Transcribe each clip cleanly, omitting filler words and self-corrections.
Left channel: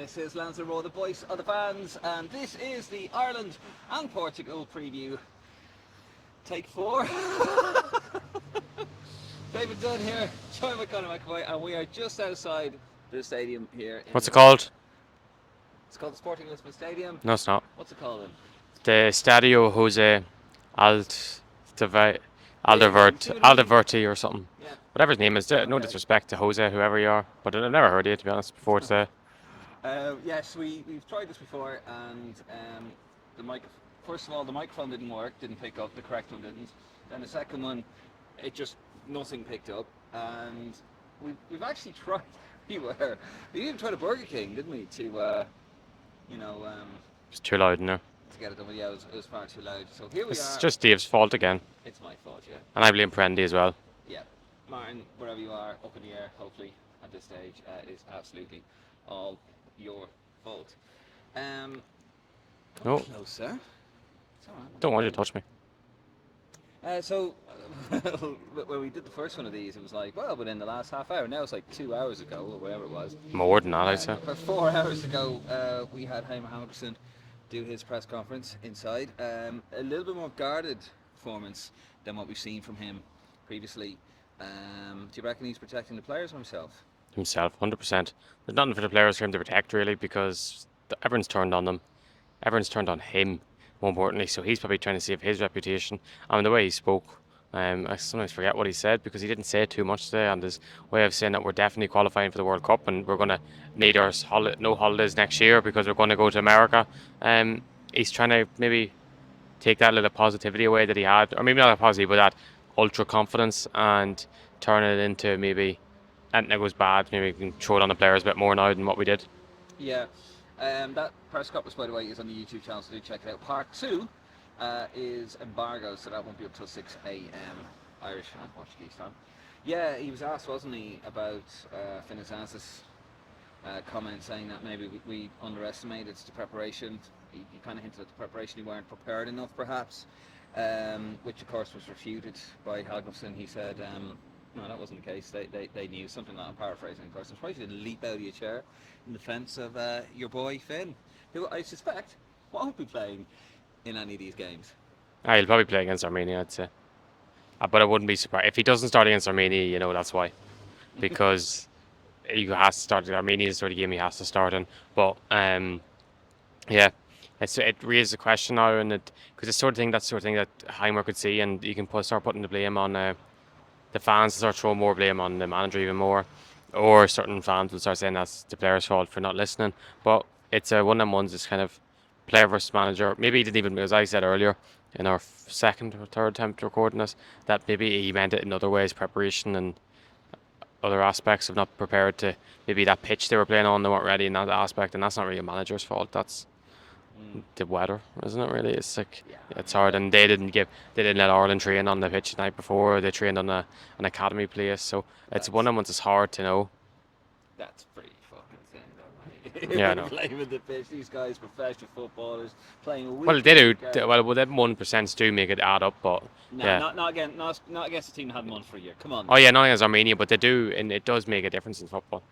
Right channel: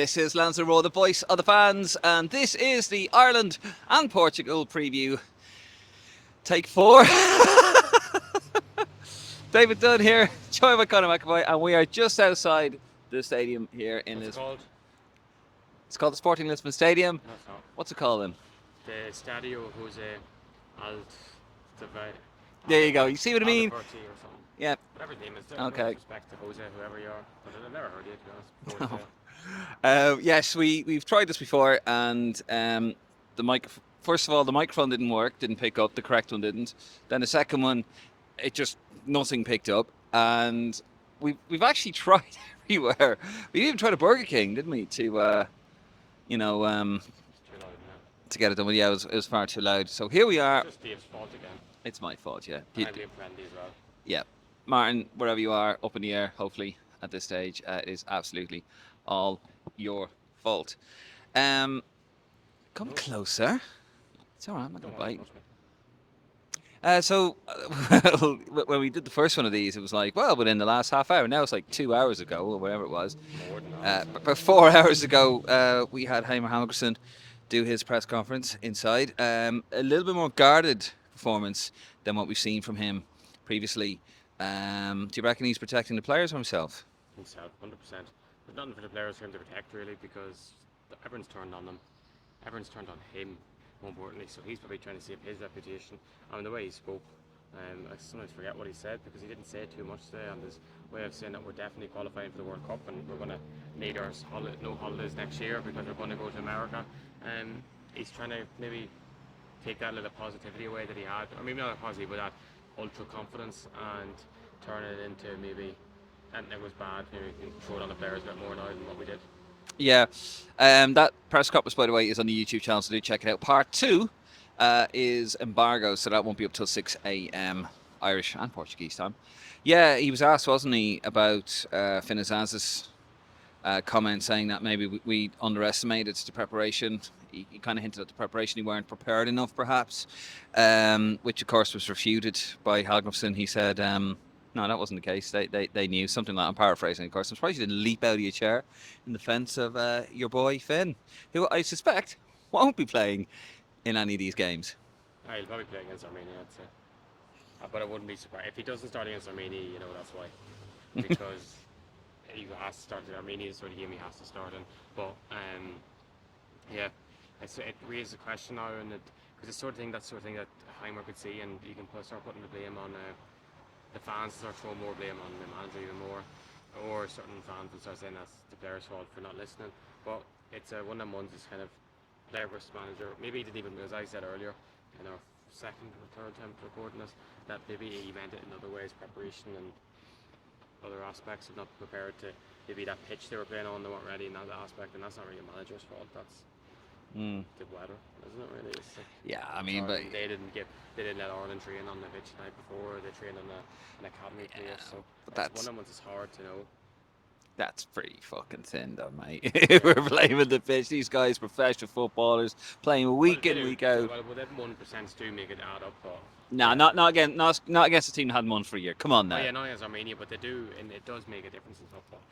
This is Lansdowne Road, the voice of the fans, and this is the Ireland and Portugal preview. Take 4. David Dunn here, joined by Conor McAvoy, and we are just outside the stadium here. What's it called? It's called the Sporting Lisbon Stadium. No, it's not. What's it called then? The Stadio Jose Alderverti or something. Yeah. Whatever his name is. No Okay. disrespect to Jose, whoever you are. But I've never heard of it, to be honest, before today. Yes, we've tried this before, and the mic. First of all, the microphone didn't work, didn't pick up. The correct one didn't. Then the second one, it just nothing picked up. And we've actually tried everywhere. We even tried a Burger King, didn't we? To It's too loud in there. to get it done. But yeah, it was far too loud. So here we are. It's just Dave's fault again. It's my fault, yeah. And I blame Prendy as well. Yeah, Martin, wherever you are, up in the air. Hopefully, at this stage, it is absolutely all your fault. Come closer. It's all right. Don't want you to touch me. When we did the first one of these, it was like, well, within the last half hour. Now it's like 2 hours ago, or whatever it was. More than that, I'd say. About 4 hours ago, we had Heimer Halgerson do his press conference inside. A little bit more guarded performance than what we've seen from him previously. Do you reckon he's protecting the players or himself? Himself, 100%. There's nothing for the players for him to protect, really, because everyone's turned on them. Everyone's turned on him, more importantly. So he's probably trying to save his reputation. I mean, the way he spoke, I sometimes forget what he said because he didn't say too much today. And his way of saying that we're definitely qualifying for the World Cup and we're going to need our no holidays next year because we're going to go to America. He's trying to maybe take that little positivity away that he had, or maybe not a positive, but that ultra confidence, and turn it into maybe anything that goes bad. Maybe we can throw it on the players a bit more now than what we did. Yeah. That press conference, by the way, is on the YouTube channel, so do check it out. Part 2 is embargo, so that won't be up till 6 a.m. Irish and Portuguese time. Yeah, he was asked, wasn't he, about Finazaz's comment saying that maybe we underestimated the preparation. He kind of hinted at the preparation, he weren't prepared enough, perhaps, which, of course, was refuted by Halgrimsson. He said, no, that wasn't the case. They knew something like, I'm paraphrasing, of course. I'm surprised you didn't leap out of your chair in defence of your boy Finn, who I suspect won't be playing in any of these games. He'll probably play against Armenia, I'd say. But I wouldn't be surprised. If he doesn't start against Armenia, that's why. Because he has to start. Armenia is the sort of game he has to start in. But, yeah, it raises a question now, and because it's that's the sort of thing that Heimer could see, and you can start putting the blame on the fans, start throwing more blame on the manager even more, or certain fans will start saying that's the player's fault for not listening. But it's one of them ones. It's kind of player versus manager. Maybe he didn't even, as I said earlier in our second or third attempt recording this, that maybe he meant it in other ways, preparation and other aspects of not prepared to maybe that pitch they were playing on, they weren't ready in that aspect, and that's not really a manager's fault. That's the weather, isn't it? Really, it's like, yeah, it's hard, and they didn't let Ireland train on the pitch the night before. They trained on an academy place, so it's one of them ones. It's hard to know. That's pretty fucking thin, though, mate. Yeah. We're playing with the pitch. These guys, professional footballers, playing week. Well, they do. Well, that 1% do make it add up, but no, yeah. not against a team that hadn't won for a year. Come on. Now. Oh yeah, not against Armenia, but they do, and it does make a difference in football.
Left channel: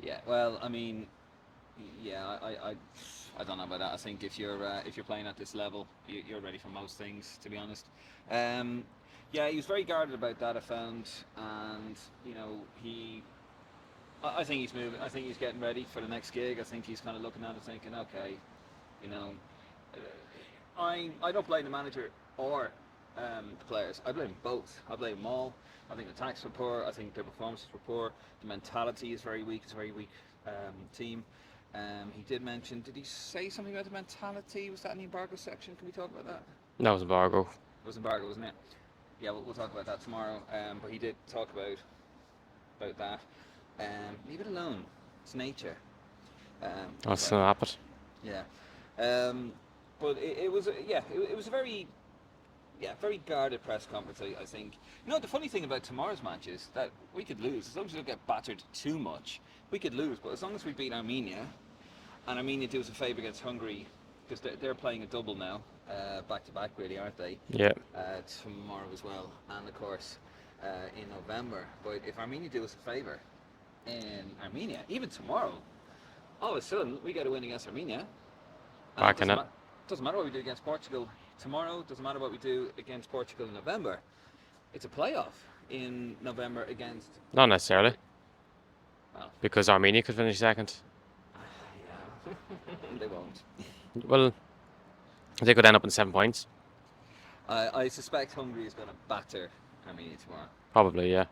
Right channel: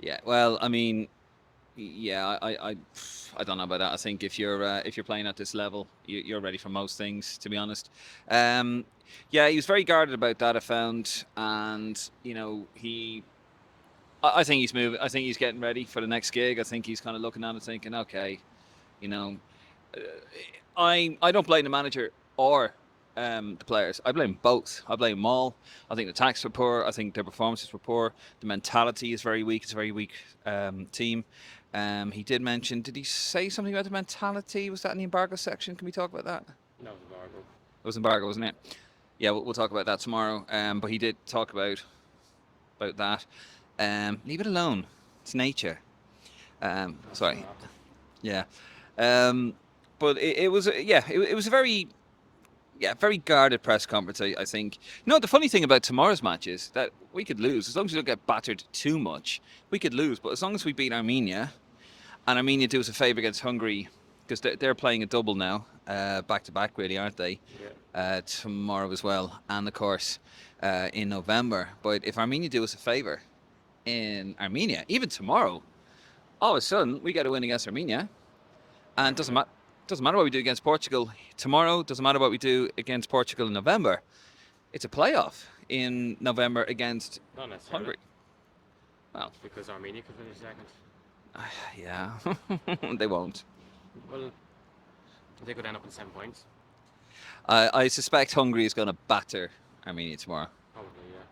Yeah. Well, I mean, yeah, I don't know about that. I think if you're playing at this level, you're ready for most things, to be honest. Yeah, he was very guarded about that, I found, and I think he's moving. I think he's getting ready for the next gig. I think he's kind of looking at it, thinking, okay, I don't blame the manager or the players. I blame both. I blame them all. I think the tactics were poor. I think their performances were poor. The mentality is very weak. It's a very weak team. He did mention. Did he say something about the mentality? Was that in the embargo section? Can we talk about that? That was embargo. It was embargo, wasn't it? Yeah, we'll talk about that tomorrow. But he did talk about that. Leave it alone. It's nature. That's not happened. Yeah. But it was a very guarded press conference, I think. The funny thing about tomorrow's match is that we could lose. As long as we don't get battered too much, we could lose. But as long as we beat Armenia, and Armenia do us a favour against Hungary, because they're playing a double now, back-to-back really, aren't they? Yeah. Tomorrow as well, and of course in November. But if Armenia do us a favour in Armenia, even tomorrow, all of a sudden we get a win against Armenia, and Back in it. doesn't matter what we do against Portugal tomorrow. Doesn't matter what we do against Portugal in November. It's a playoff in November against Not necessarily, Hungary. Well, because Armenia could finish second. yeah, they won't. Well, they could end up in 7 points. I suspect Hungary is going to batter Armenia tomorrow. Probably, yeah.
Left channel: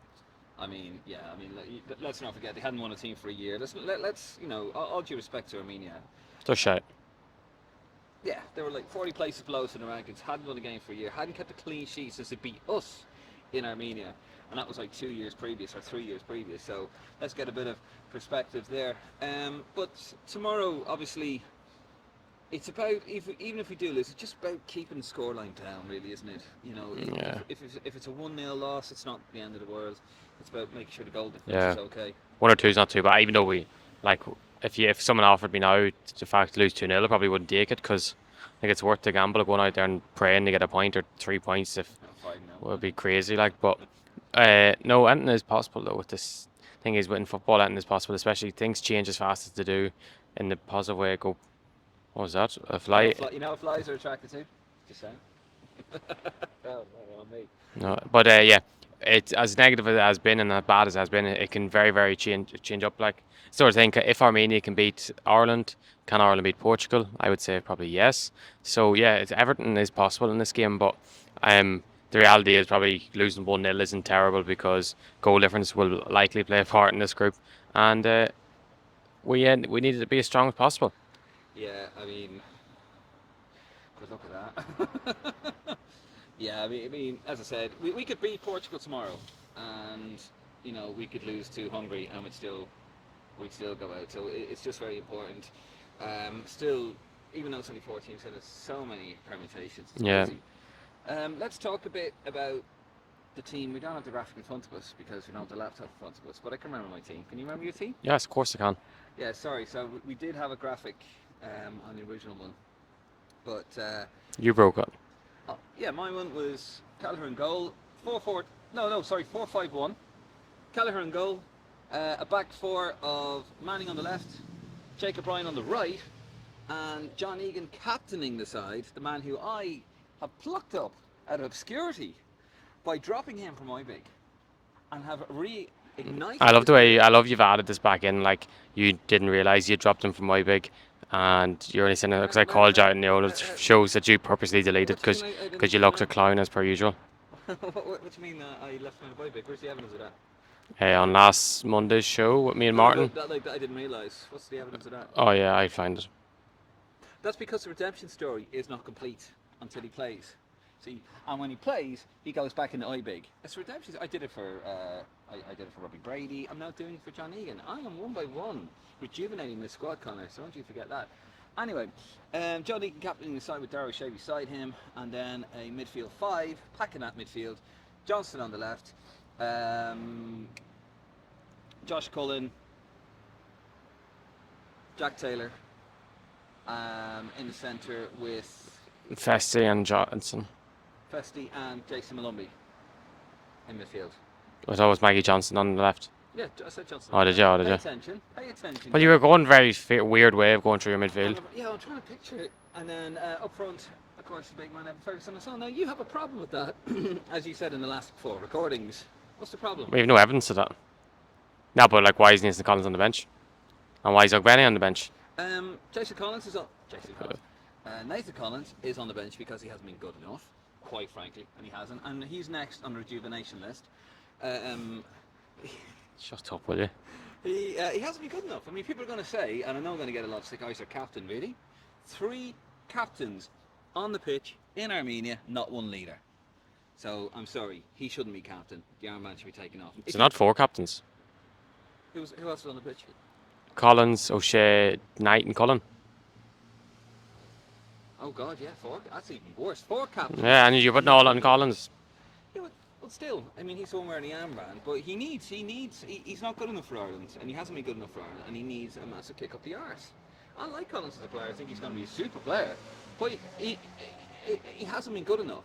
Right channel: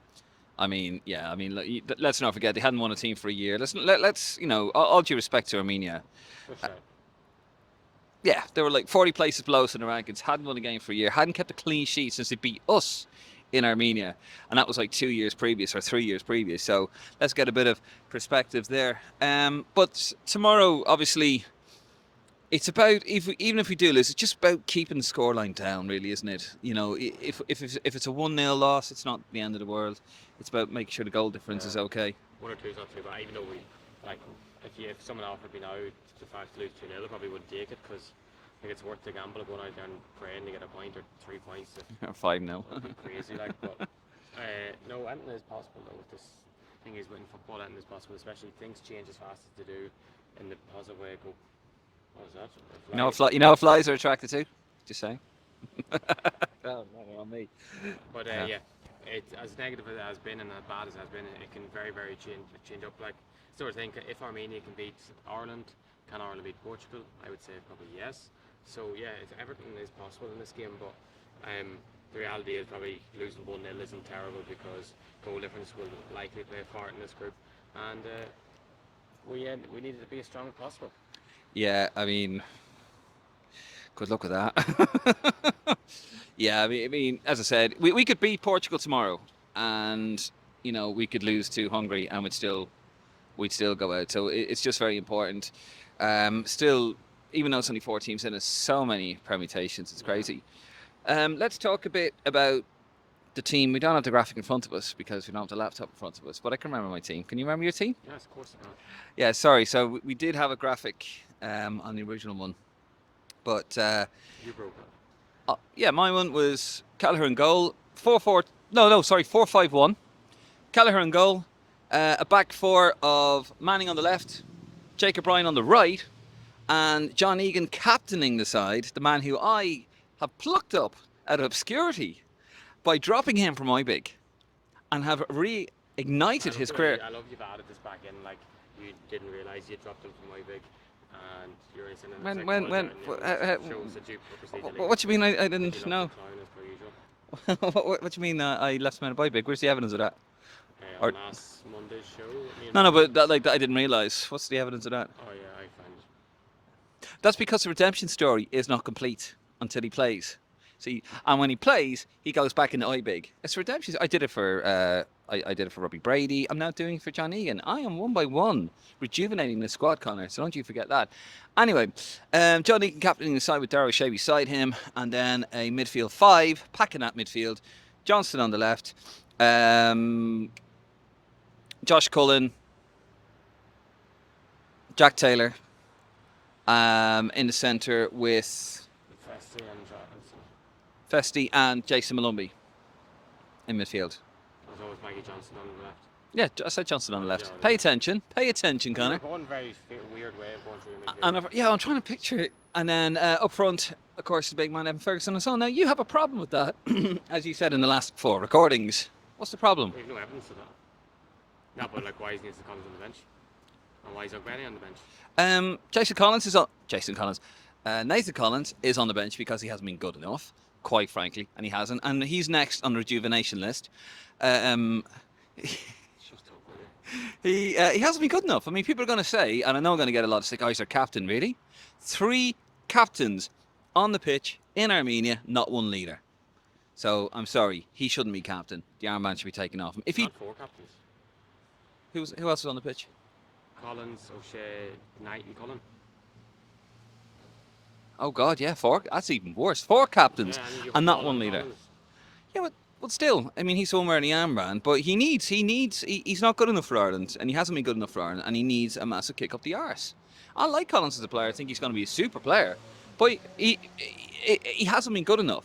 I mean, yeah. I mean, let's not forget they hadn't won a team for a year. Let's all due respect to Armenia. Just shite. Yeah, they were like 40 places below us in the rankings. Hadn't won a game for a year. Hadn't kept a clean sheet since they beat us in Armenia, and that was like 2 years previous or 3 years previous. So let's get a bit of perspective there. But tomorrow, obviously, it's about even if we do lose, it's just about keeping the scoreline down, really, isn't it? You know, if it's a 1-0 loss, it's not the end of the world. It's about making sure the goal difference is okay. 1 or 2 is not too bad. Even though if someone offered me now the fact to lose 2-0, I probably wouldn't take it because I think it's worth the gamble of going out there and praying to get a point or 3 points. If 5-0 would be crazy, like. But no, anything is possible though. With this thing is in football, anything is possible. Especially things change as fast as they do in the positive way. Go. What was that? A fly? You know what flies are attracted to? Just saying. Well, not on me. No, but yeah, it's as negative as it has been and as bad as it has been. It can very, very change up. Like sort of thing. If Armenia can beat Ireland, can Ireland beat Portugal? I would say probably yes. So yeah, everything is possible in this game. But the reality is probably losing 1-0 isn't terrible because goal difference will likely play a part in this group, and we need it to be as strong as possible. Yeah, I mean, good luck with that. Yeah, I mean, as I said, we could beat Portugal tomorrow, and we could lose to Hungary, and we'd still go out. So it's just very important. Still, even though it's only 4 teams in, there's so many permutations. It's crazy. Let's talk a bit about the team. We don't have the graphic in front of us because we don't have the laptop in front of us, but I can remember my team. Can you remember your team? Yes, of course I can. Yeah, sorry. So we did have a graphic on the original one, but You broke up. yeah, my one was Kelleher in goal, 4-5-1. Kelleher in goal, a back four of Manning on the left, Jacob Ryan on the right, and John Egan captaining the side, the man who I have plucked up out of obscurity by dropping him from Ibig and have reignited. I love his the way career. I love you've added this back in. Like you didn't realise you dropped him from my big, and you're only saying it because I called you out, and it shows that you purposely deleted What do you mean I because didn't you looked know? a clown as per usual. what do you mean I left him in a Ibig? Where's the evidence of that? On last Monday's show with me and No, Martin. but that I didn't realise. What's the evidence of that? Oh yeah, I find it. That's because the redemption story is not complete until he plays. See, and when he plays, he goes back into Ibig. It's redemption. I did it for I did it for Robbie Brady. I'm now doing it for John Egan. I am one by one rejuvenating the squad, Conor. So don't you forget that. Anyway, John Egan captaining the side with Darragh Shea beside him, and then a midfield 5 packing that midfield. Johnston on the left, Josh Cullen, Jack Taylor, in the centre with Festi and Johnson. Festi and Jason Malumbi in midfield. It was always Maggie Johnson on the left. Yeah, I said Johnson. Oh, on did the you? left. Oh, did Pay you? attention. Well, you were going very weird way of going through your midfield. Yeah, I'm trying to picture it. And then up front, of course, the big man Evan Ferguson. And so now you have a problem with that, as you said in the last 4 recordings. What's the problem? We have no evidence of that. No, but like, why is Nathan Collins on the bench? And why is Ogbenny on the bench? Nathan Collins is on the bench because he hasn't been good enough, quite frankly, and he hasn't. And he's next on the rejuvenation list. Shut up, will you? He hasn't been good enough. I mean, people are going to say, and I know I'm going to get a lot of stick, oh, he's our captain, really? 3 captains on the pitch in Armenia, not 1 leader. So, I'm sorry, he shouldn't be captain. The armband should be taken off him. It's not 4 captains. Who else was on the pitch? Collins, O'Shea, Knight and Cullen. Oh, God, yeah, 4. That's even worse. 4 captains. Yeah, and you've got not 1 Nolan leader. Collins. Yeah, but still, I mean, he's the one wearing the armband, but he's not good enough for Ireland, and he hasn't been good enough for Ireland, and he needs a massive kick up the arse. I like Collins as a player. I think he's going to be a super player, but he hasn't been good enough.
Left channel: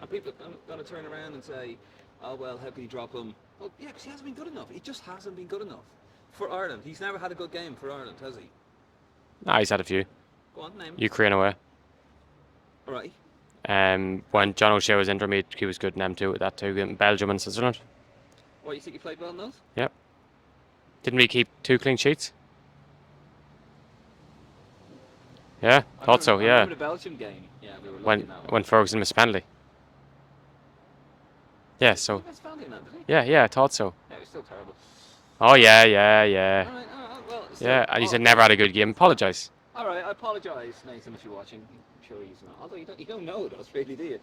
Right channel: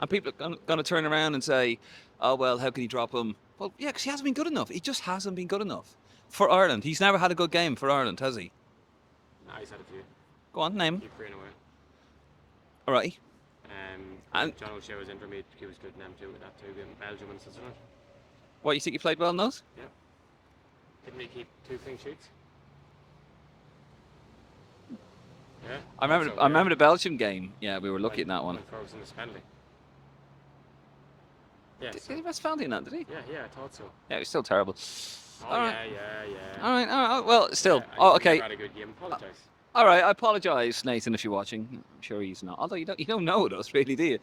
And people are going to turn around and say, oh, well, how can he drop him? Well, yeah, because he hasn't been good enough. He just hasn't been good enough for Ireland. He's never had a good game for Ireland, has he? Ah, he's had a few. Go on, name 'em. Ukraine away. All right. When John O'Shea was injured, he was good in them too. With that too, in Belgium and Switzerland. What, you think you played well in those? Yep. Didn't we keep 2 clean sheets? Yeah, thought so. I Yeah. remember the Belgium game. Yeah, we were lucky in that one. When Ferguson missed penalty. Yeah. Did So. he miss penalty in that, did he? Yeah, I thought so. Yeah, it was still terrible. Oh yeah. All right. Well, still. Yeah, and he said okay. never had a good game. Apologise. All right, I apologise, Nathan, if you're watching. I'm sure he's not. Although you don't know us, really, do you?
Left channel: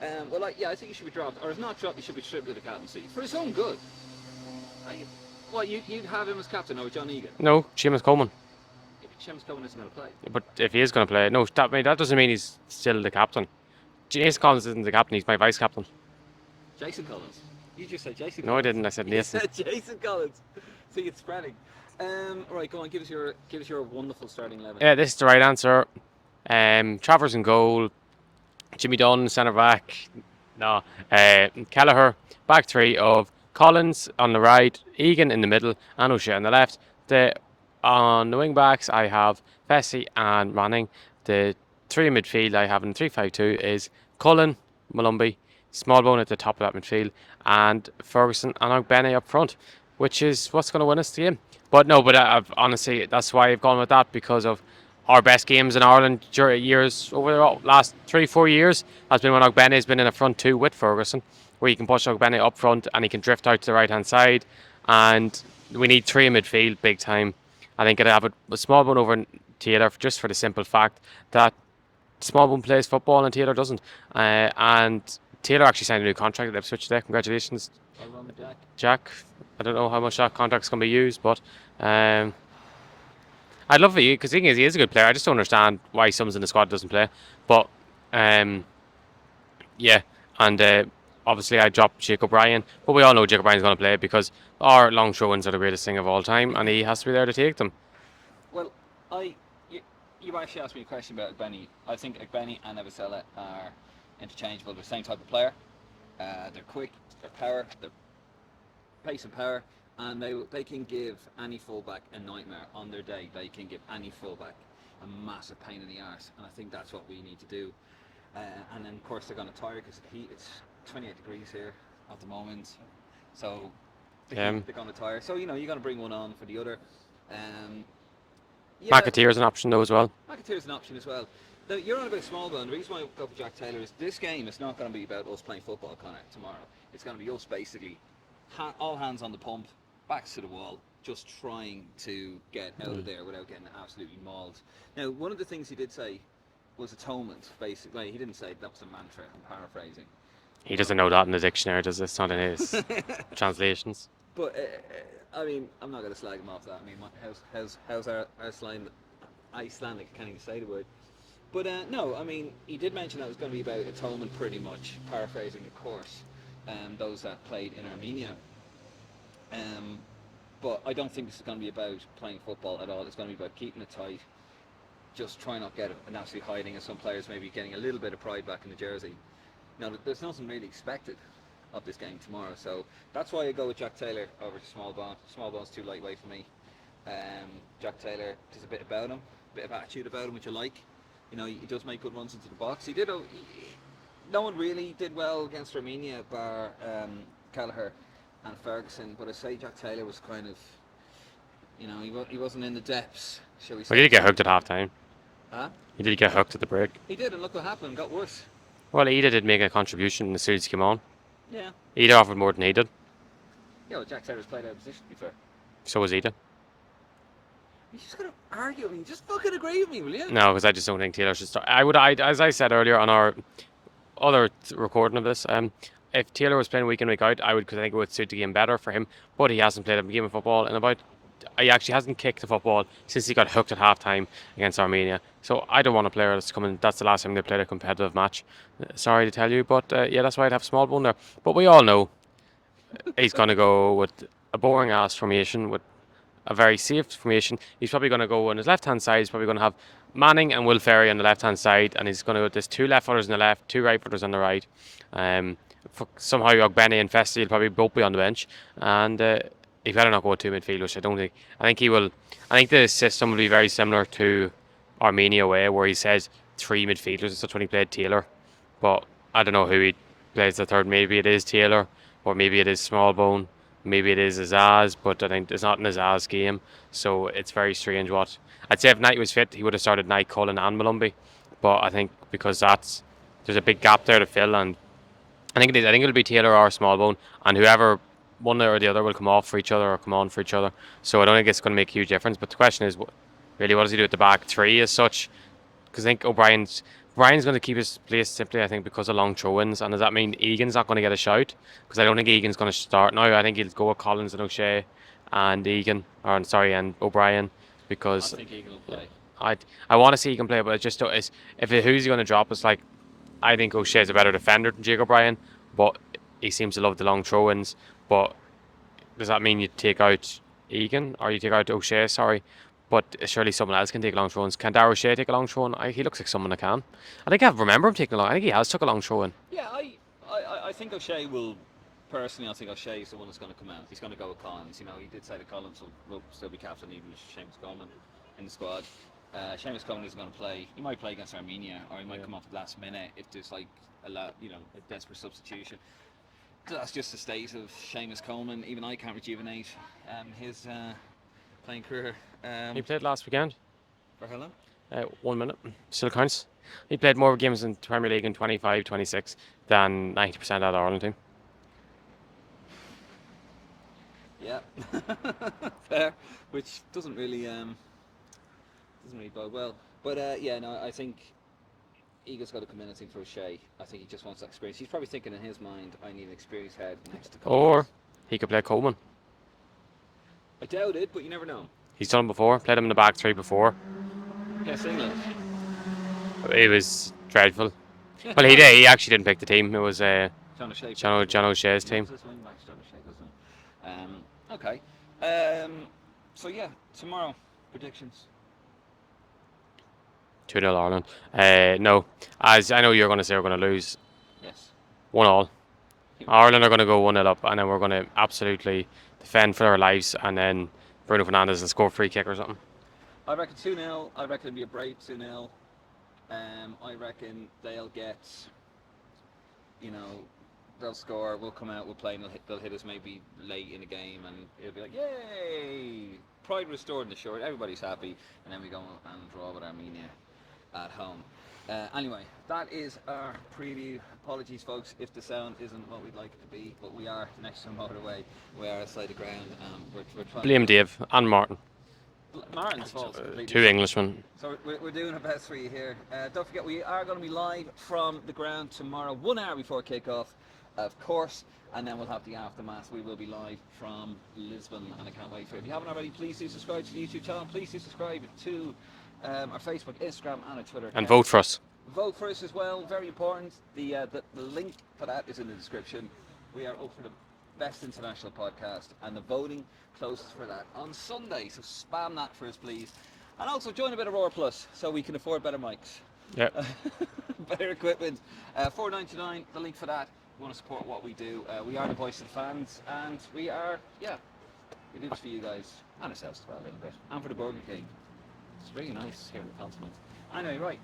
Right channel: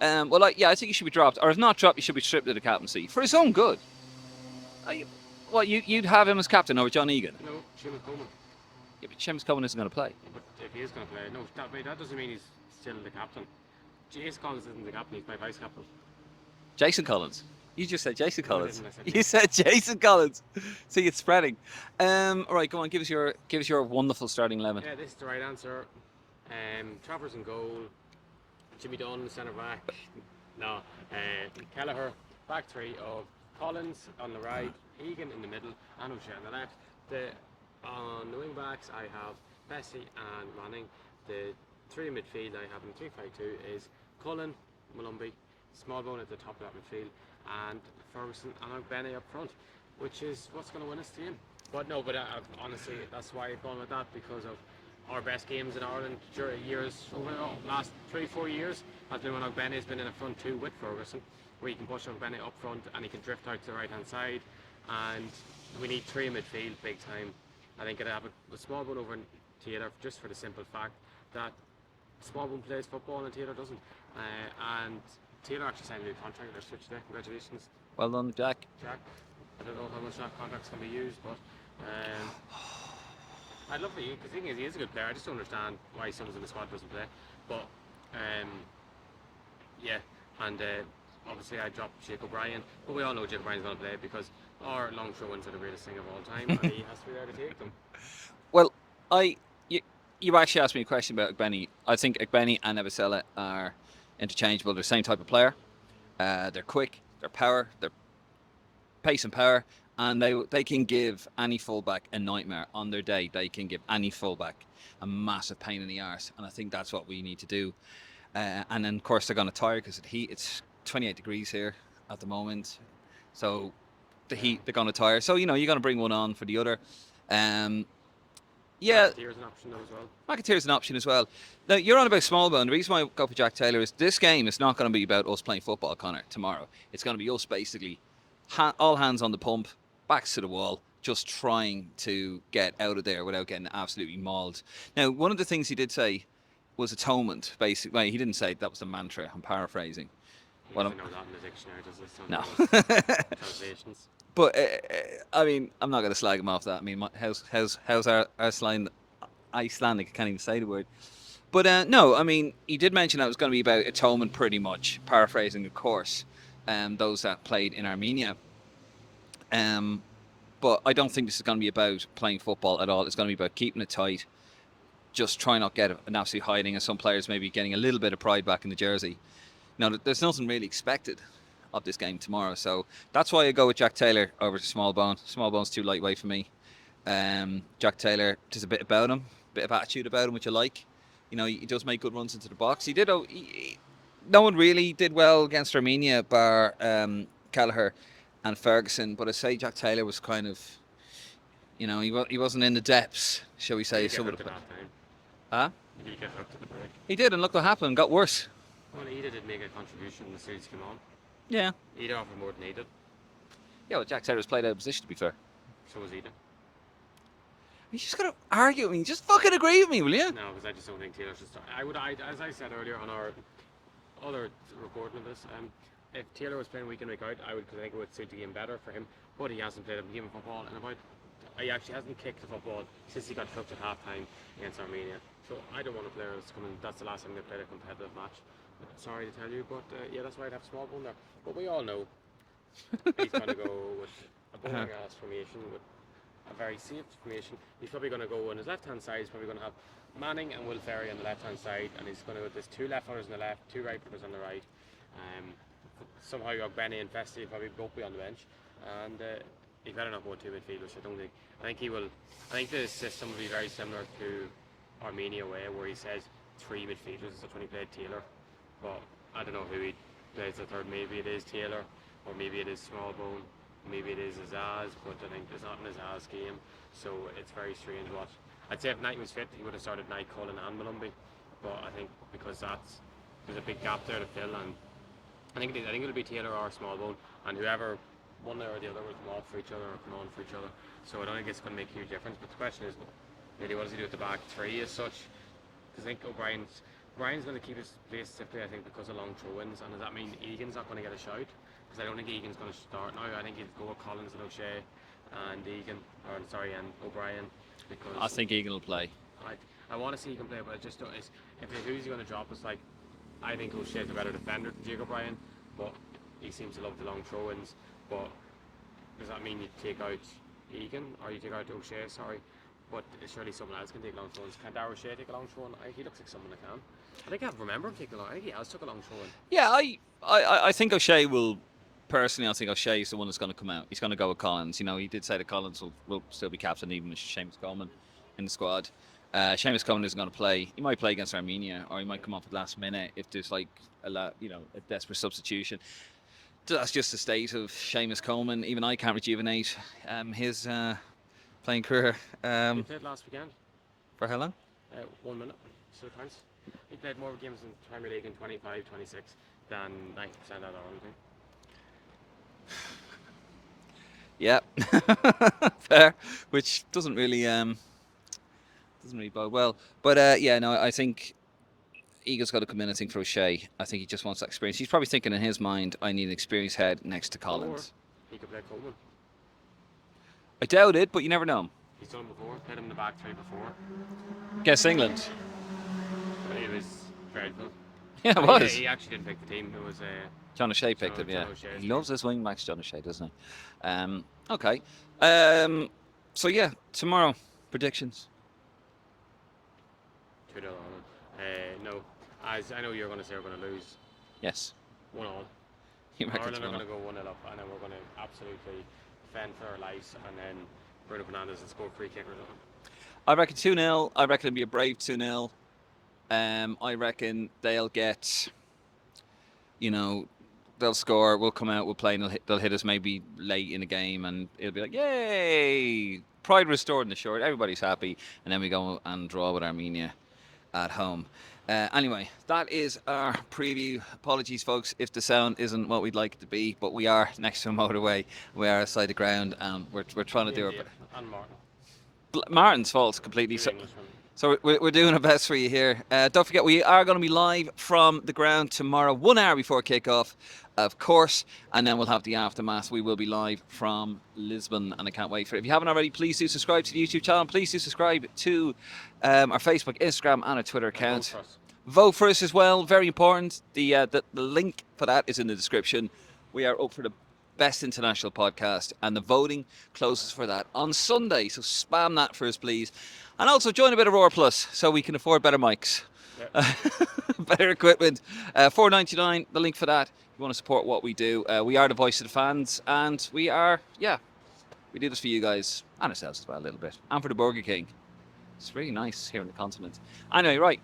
Well, I think he should be dropped. Or if not dropped, he should be stripped of the captaincy. For his own good. You'd have him as captain over John Egan? No, Seamus Coleman. Yeah, but Seamus Coleman isn't going to play. But if he is going to play, no, that doesn't mean he's still the captain. Jason Collins isn't the captain, he's my vice captain. Jason Collins. You just said Jason No, Collins. I didn't. I said You Nathan. said Jason Collins. See, it's spreading. All right, go on. Give us your wonderful starting 11. Yeah, this is the right answer. Travers in goal. Jimmy Dunn, centre back. No. Kelleher, back three of Collins on the right, Egan in the middle, and O'Shea on the left. On the wing backs, I have Vesey and Manning. The three in midfield I have in 3-5-2 is Cullen, Malumbi, Smallbone at the top of that midfield, and Ferguson and Ogbene up front, which is what's going to win us the game. But I've honestly, that's why I've gone with that, because of our best games in Ireland years over the last 3-4 years has been when Ogbene has been in a front two with Ferguson, where you can push Ogbene up front and he can drift out to the right hand side, and we need three in midfield big time. I think I'd have a Smallbone over Taylor just for the simple fact that Smallbone plays football and Taylor doesn't, and Taylor actually signed a new contract at Ipswich today. Congratulations. Well done, Jack. Jack. I don't know how much that contract's going to be used, but I'd love it because he is a good player. I just don't understand why someone's in the squad doesn't play. But yeah, and obviously I dropped Jake O'Brien, but we all know Jake O'Brien's going to play because our long throw-ins are the greatest thing of all time, and he has to be there to take them. Well, you actually asked me a question about Ogbene. I think Ogbene and Ebisela are interchangeable. They're the same type of player. They're quick, they're power, they're pace and power, and they can give any fullback a nightmare on their day. They can give any fullback a massive pain in the arse, and I think that's what we need to do. And then, of course, they're going to tire because it's 28 degrees here at the moment, so the heat, they're going to tire. So you're going to bring one on for the other. Yeah, McAteer's an option though as well. McAteer's an option as well. Now, you're on about Smallbone. The reason why I go for Jack Taylor is this game is not going to be about us playing football, Conor, tomorrow. It's going to be us basically, all hands on the pump, backs to the wall, just trying to get out of there without getting absolutely mauled. Now, one of the things he did say was atonement, basically. Well, he didn't say that was the mantra. I'm paraphrasing. He doesn't know that in the dictionary, does it? It's not in his translations. But I mean, I'm not going to slag him off that. I mean, how's our Icelandic? I can't even say the word. But no, I mean, he did mention that it was going to be about atonement, pretty much, paraphrasing, of course, those that played in Armenia. But I don't think this is going to be about playing football at all. It's going to be about keeping it tight, just try not get an absolute hiding, and some players maybe getting a little bit of pride back in the jersey. Now, there's nothing really expected of this game tomorrow, so that's why I go with Jack Taylor over to Smallbone. Smallbone's too lightweight for me. Jack Taylor, there's a bit about him, a bit of attitude about him, which I like. He does make good runs into the box. No one really did well against Armenia, bar Kelleher and Ferguson. But I say Jack Taylor was kind of, he wasn't in the depths, shall we say? But he did get hooked at half time. Huh? He did get hooked at the break. He did, and look what happened. Got worse. Well, Ida did make a contribution as soon as he came on. Yeah. Ida offered more than he did. Yeah, well, Jack Taylor's played out of position, to be fair. So was Ida. You just gotta argue with me. Just fucking agree with me, will you? No, because I just don't think Taylor should start. As I said earlier on our other recording of this, if Taylor was playing week in, week out, because I think it would suit the game better for him. But he hasn't played a game of football in about. He actually hasn't kicked the football since he got hooked at half time against Armenia. So I don't want a player that's coming. That's the last time they played a competitive match. Sorry to tell you, but yeah, that's why I'd have Smallbone there. But we all know he's going to go with a boring ass formation, with a very safe formation. He's probably going to go on his left hand side. He's probably going to have Manning and Will Ferry on the left hand side, and he's going to go with this two left footers on the left, two right footers on the right. Somehow Ogbene and Vesey will probably both be on the bench, and he better not go with two midfielders. I think he will. I think the system will be very similar to Armenia away, where he says 3 midfielders and such when he played Taylor. But I don't know who he plays the third. Maybe it is Taylor, or maybe it is Smallbone, maybe it is Azaz, but I think it's not an Azaz game, so it's very strange. What I'd say if Knight was fit, he would have started Knight, Cullen, and Malumbi. But I think because there's a big gap there to fill, and I think it is. I think it'll be Taylor or Smallbone, and whoever one or the other will come off for each other or come on for each other. So I don't think it's going to make a huge difference. But the question is, really, what does he do at the back three as such? Because I think Brian's going to keep his place simply, I think, because of long throw-ins. And does that mean Egan's not going to get a shout? Because I don't think Egan's going to start now. I think he'll go with Collins and O'Shea and and O'Brien, I because think Egan will play. I want to see Egan play, but who's he going to drop? It's like, I think O'Shea's a better defender than Jake O'Brien, but he seems to love the long throw-ins. But does that mean you take out Egan or you take out O'Shea? Sorry. But surely someone else can take long throw-ins. Can Darragh O'Shea take a long throw-in? He looks like someone that can. I think I remember him taking a long. I think he has took a long throw-in. Yeah, I think O'Shea will. Personally, I think O'Shea is the one that's going to come out. He's going to go with Collins. You know, he did say that Collins will still be captain even with Seamus Coleman in the squad. Seamus Coleman isn't going to play. He might play against Armenia, or he might come off at the last minute if there's like a desperate substitution. That's just the state of Seamus Coleman. Even I can't rejuvenate his playing career. He played last weekend. For how long? 1 minute. Still counts. He played more games in Premier League in 25, 26 than 90% of the Ireland team. Yeah, fair. Which doesn't really bode well. But I think Eagle's got to come in. I think for O'Shea, I think he just wants that experience. He's probably thinking in his mind, I need an experienced head next to Collins. Or he could play Coleman. I doubt it, but you never know. He's done it before. Played him in the back three before. Guess England. It was dreadful. Yeah, Well, he actually didn't pick the team. It was John O'Shea. John O'Shea's He team. loves his wing backs, John O'Shea, doesn't he? Okay. So yeah, tomorrow predictions. 2-0 Ireland. No, as I know you're going to say we're going to lose. Yes. 1-1. Ireland are going to go 1-0 up, and then we're going to absolutely defend for our lives, and then Bruno Fernandes will score a free kick or something. I reckon 2-0. I reckon it'll be a brave 2-0. I reckon they'll get, they'll score, we'll come out, we'll play, and they'll hit us maybe late in the game, and it'll be like, yay! Pride restored in the short, everybody's happy, and then we go and draw with Armenia at home. Anyway, that is our preview. Apologies, folks, if the sound isn't what we'd like it to be, but we are next to a motorway. We are outside the ground, and we're trying Blame to Dave and Martin. Martin's fault completely. Two Englishmen. So we're doing our best for you here. Don't forget, we are going to be live from the ground tomorrow, 1 hour before kickoff, of course, and then we'll have the aftermath. We will be live from Lisbon, and I can't wait for it. If you haven't already, please do subscribe to the YouTube channel. Please do subscribe to our Facebook, Instagram, and our Twitter account. And vote for us. Vote for us as well. Very important. The link for that is in the description. We are up for the best international podcast, and the voting closes for that on Sunday, so spam that for us, please. And also join a bit of Roar Plus so we can afford better mics. Yep. Better equipment. $4.99, the link for that. If you want to support what we do, we are the voice of the fans, and we do this for you guys and ourselves as well, a little bit, and for the Burger King. It's really nice here on the continent. Anyway, right,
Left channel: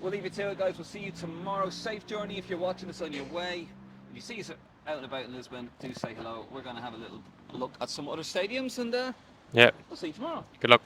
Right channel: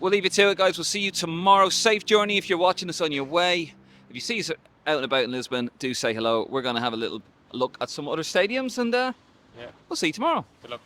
we'll leave it to it, guys. We'll see you tomorrow. Safe journey if you're watching us on your way. If you see us out and about in Lisbon, do say hello. We're going to have a little look at some other stadiums, and yeah, we'll see you tomorrow. Good luck.